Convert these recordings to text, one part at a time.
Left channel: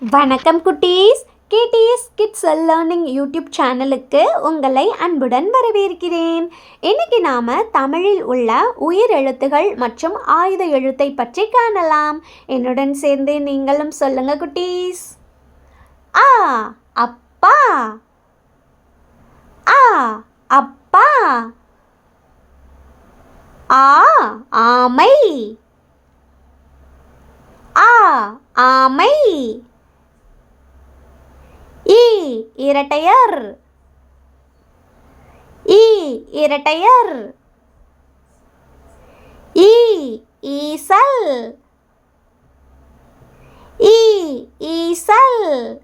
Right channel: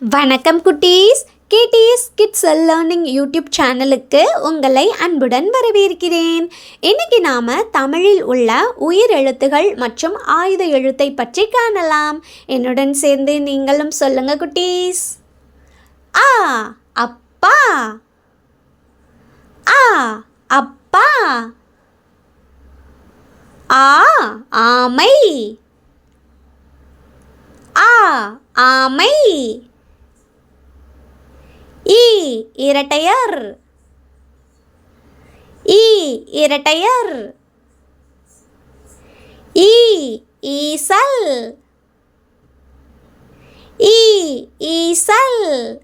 வணக்கம் குட்டீஸ். KDS kids learning YouTube சேனலுக்கு உங்களை அன்புடன் வரவேற்கிறேன். இன்னைக்கு நாம தமிழில் உள்ள உயிர் எழுத்துகள் மற்றும் ஆயுத எழுத்தை பற்றி காணலாம். என்னுடன் சேர்ந்து நீங்களும் சொல்லுங்க குட்டீஸ். ஆ அப்பா, ஆ அப்பா. ஆ ஆமை, ஆ ஆமை. ஈ இரட்டையர், ஈ இரட்டையர். ஈ ஈசல், ஈ ஈசல்.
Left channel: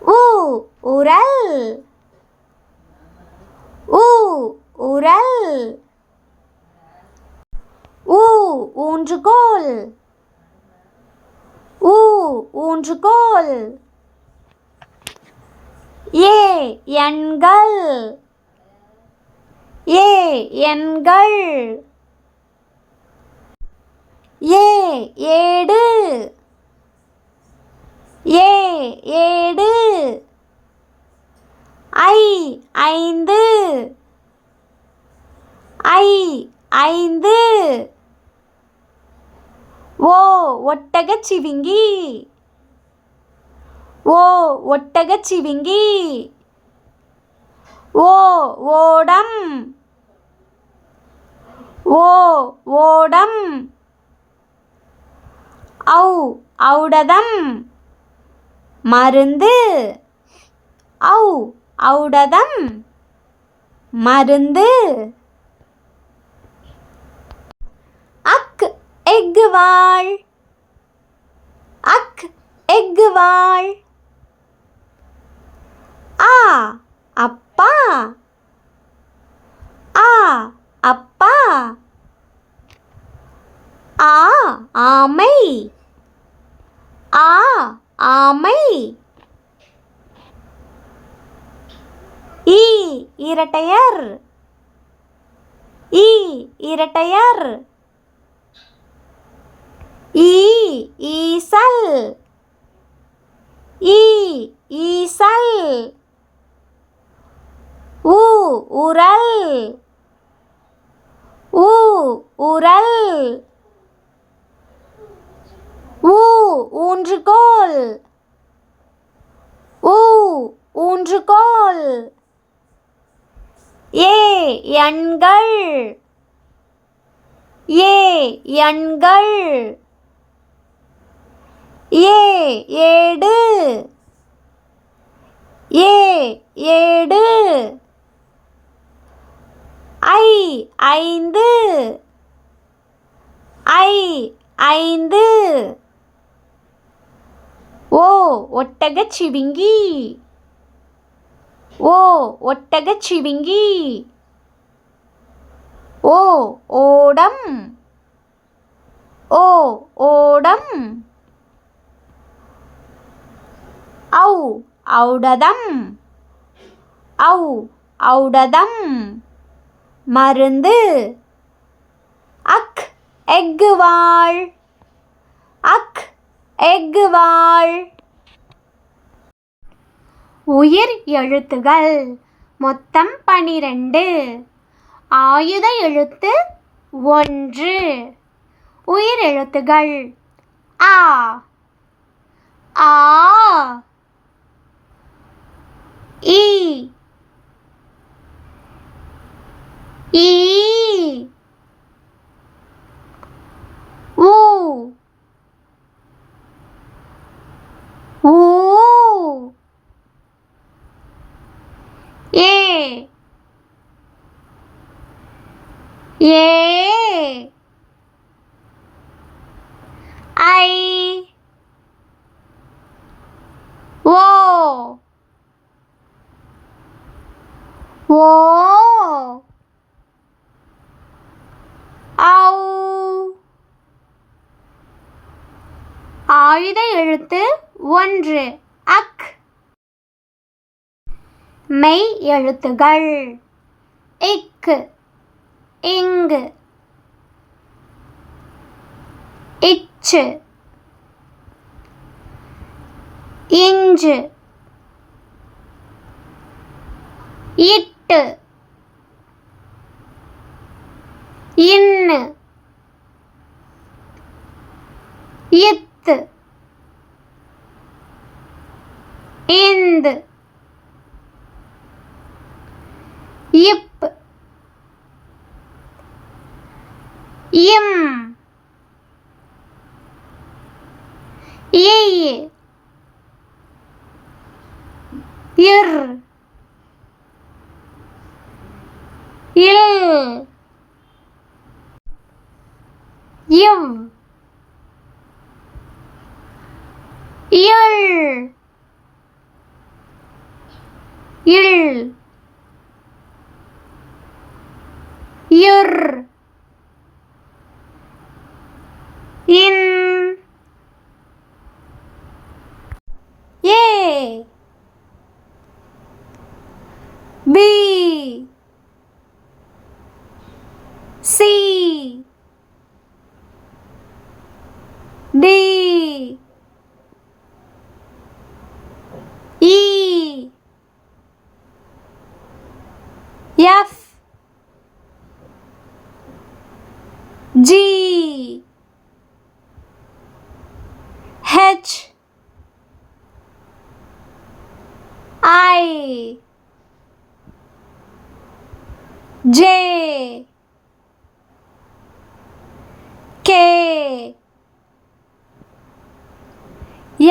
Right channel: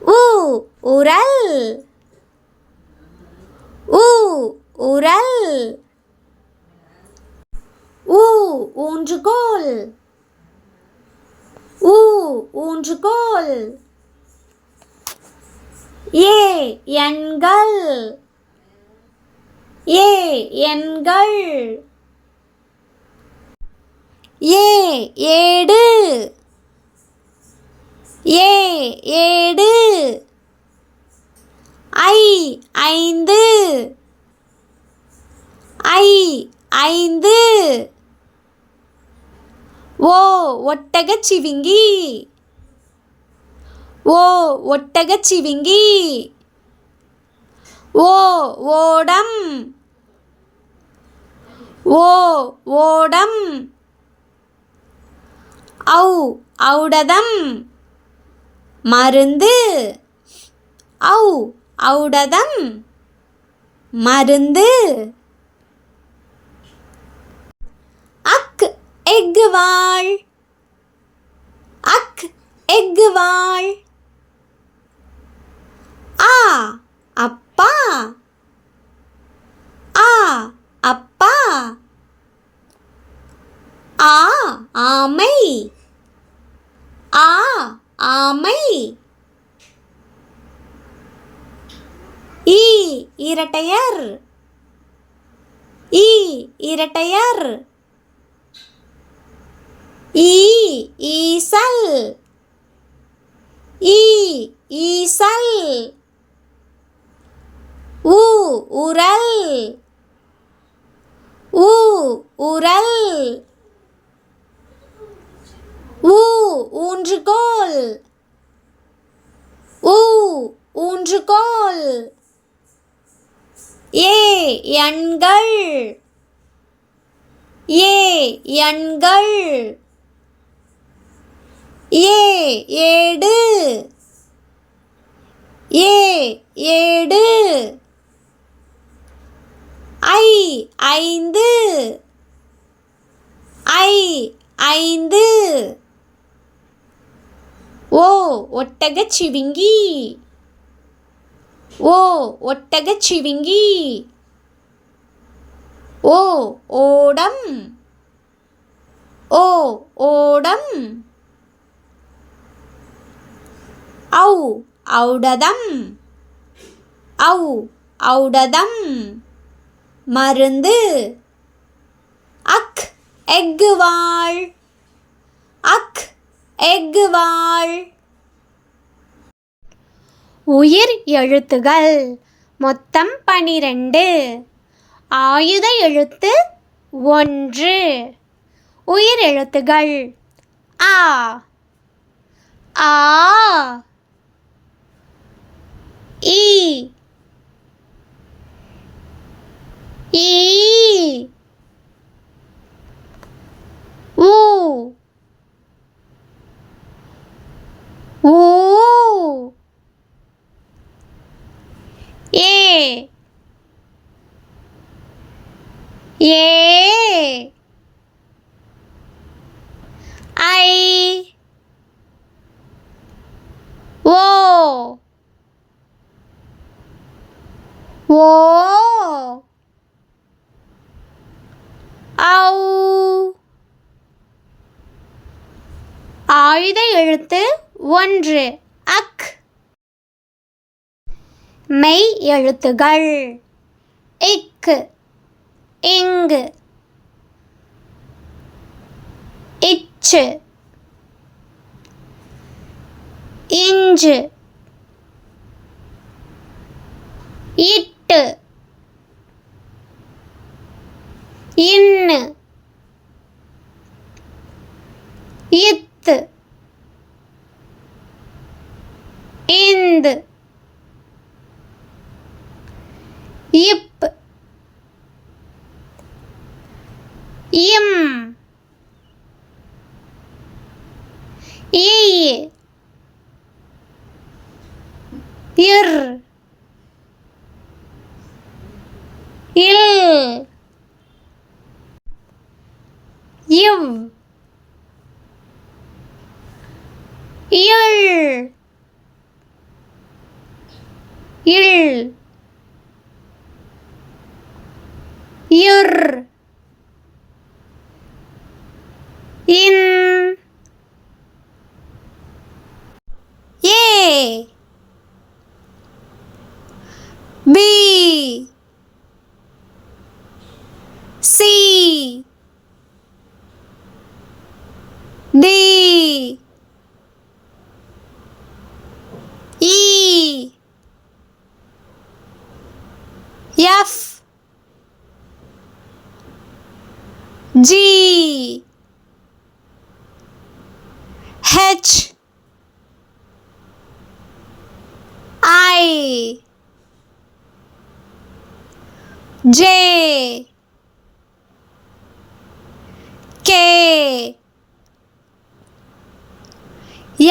உ உரல், உ உரல். ஊ ஊன்றுகோல், ஊ ஊன்றுகோல். ஏ எண்கள், ஏ எண்கள். ஏ ஏடு, ஏ ஏடு. ஐ ஐந்து, ஐ ஐந்து. ஓ ஒட்டகச்சிவிங்கி, ஓ ஒட்டகச்சிவிங்கி. ஓ ஓடம், ஓ ஓடம். ஔ ஔடதம், மருந்து. ஔ ஔடதம், மருந்து. அக் எக்குவாள், அக் எக்குவாள். ஆ அப்பா, ஆ அப்பா. ஆ ஆமை, ஆ ஆமை. ஈ இரட்டையர், ஈ இரட்டையர். ஈ ஈசல், ஈ ஈசல். உ உரல், உ உரல். ஊ ஊன்றுகோல், ஊ ஊன்றுகோல். ஏ எண்கள், ஏ எண்கள். ஏ ஏடு, ஏ ஏடு. ஐ ஐந்து, ஐ ஐந்து. ஓ ஒட்டகச்சிவிங்கி, ஓ ஒட்டகச்சிவிங்கி. ஓ ஓடம், ஓ ஓடம். ஔ ஔடதம், ஔ ஔடதம், மருந்து. அக் எக்குவாள், அக் எக்குவாள். உயிர் எழுத்துகள் மொத்தம் 12. ஆயுத எழுத்து 1. உயிர் எழுத்துகள் ஆ, ஆ. ஈ, ஈ. ஊ, ஊ. ஏ, ஏ. ஐ, ஓ, ஓ. ஔ. ஆயுத எழுத்து 1 அக். மெய் எழுத்துகள் இக்கு, இங்கு, இச்சு, இஞ்சு இட்டு இன்னு இத்து இந்து இப் இம் இய் இர் இல் இவ் இள் இள் இர் இன் A B C D E F G H I J K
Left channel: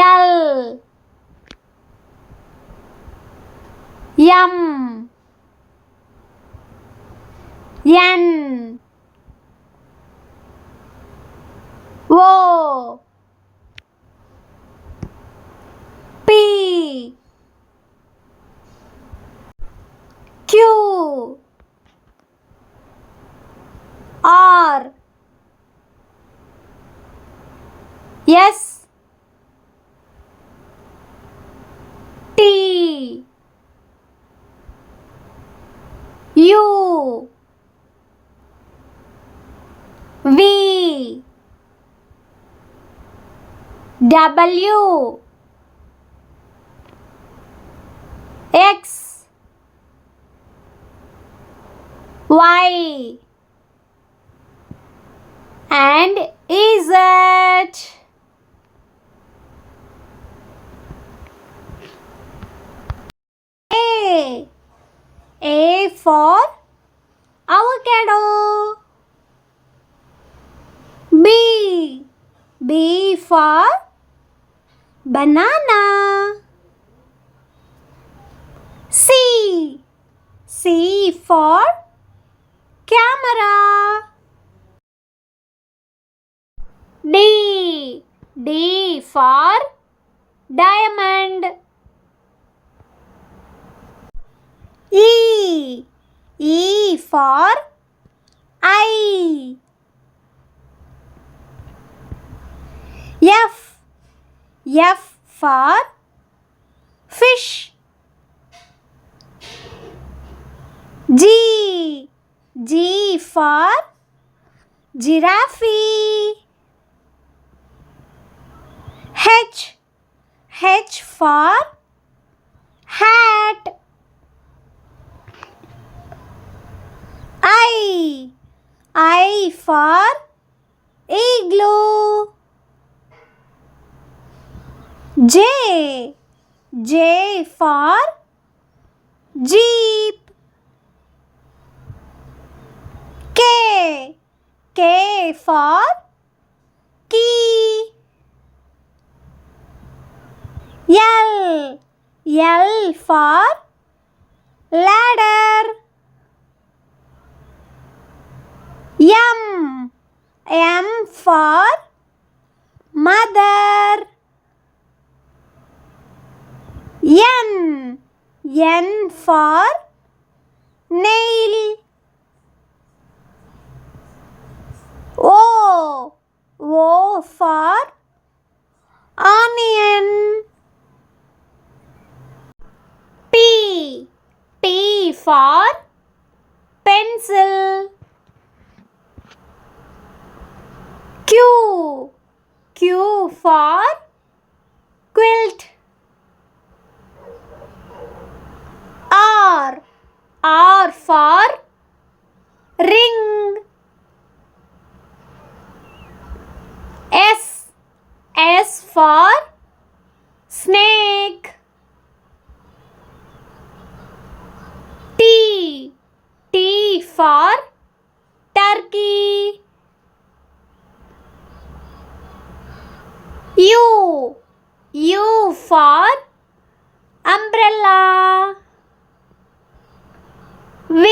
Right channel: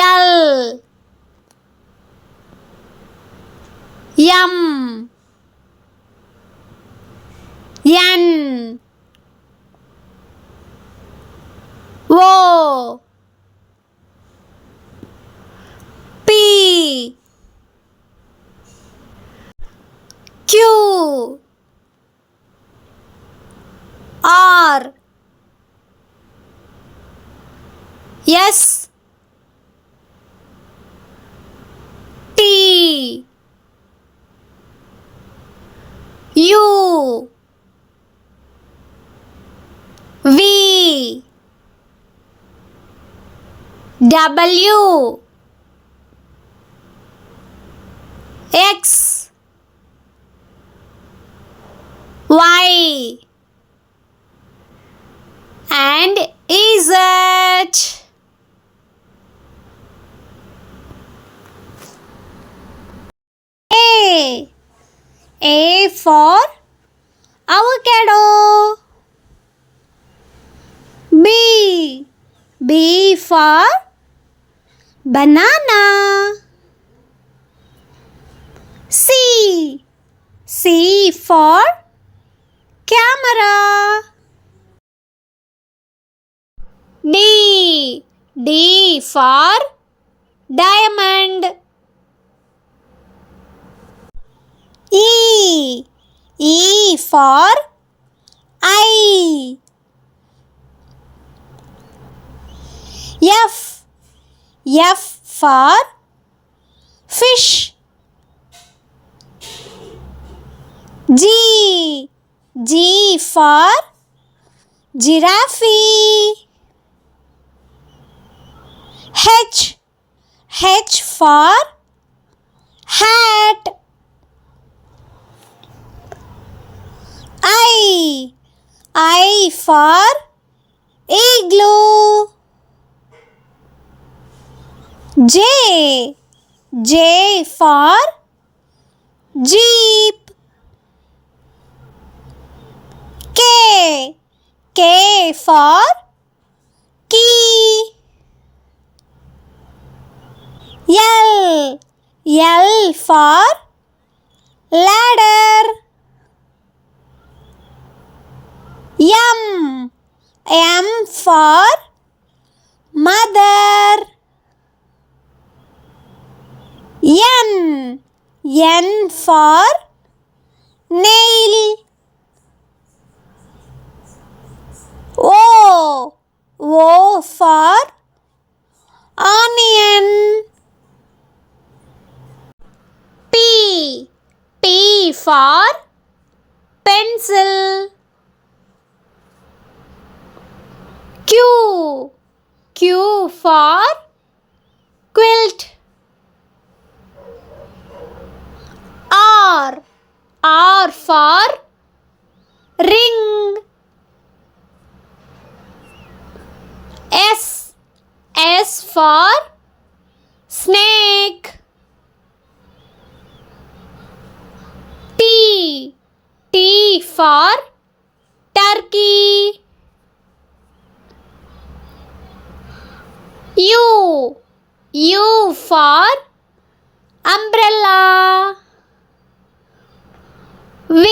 L M N O P Q R S T U V W X Y and Z. A for avocado. B for banana. C for camera. D for diamond. E for eye. F for fish. G for giraffe. H for hat. I for igloo. J for jeep. K for key. L for ladder. M for mother. N for nail. O for onion. P for pencil. Q, Q for quilt. R. R for ring. S. S for snake. T. T for turkey. U. U for umbrella. V.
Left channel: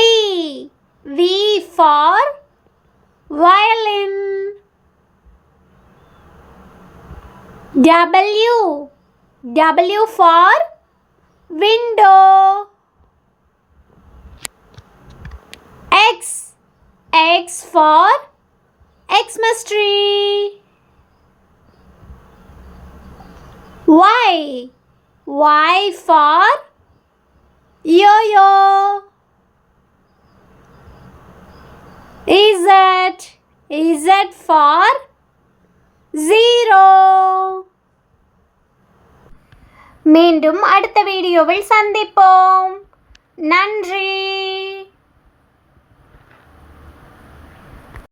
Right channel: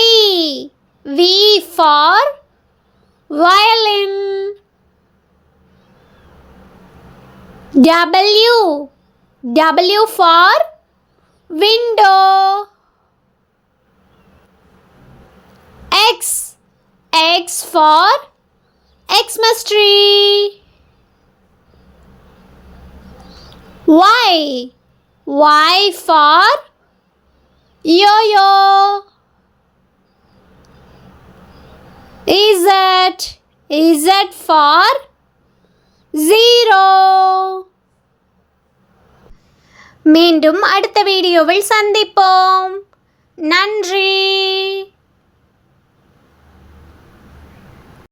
V for violin. W. W for window. X. X for Xmas tree. Y. Y for yo-yo. Z. Z for zero. மீண்டும் அடுத்த வீடியோவில் சந்திப்போம். நன்றி.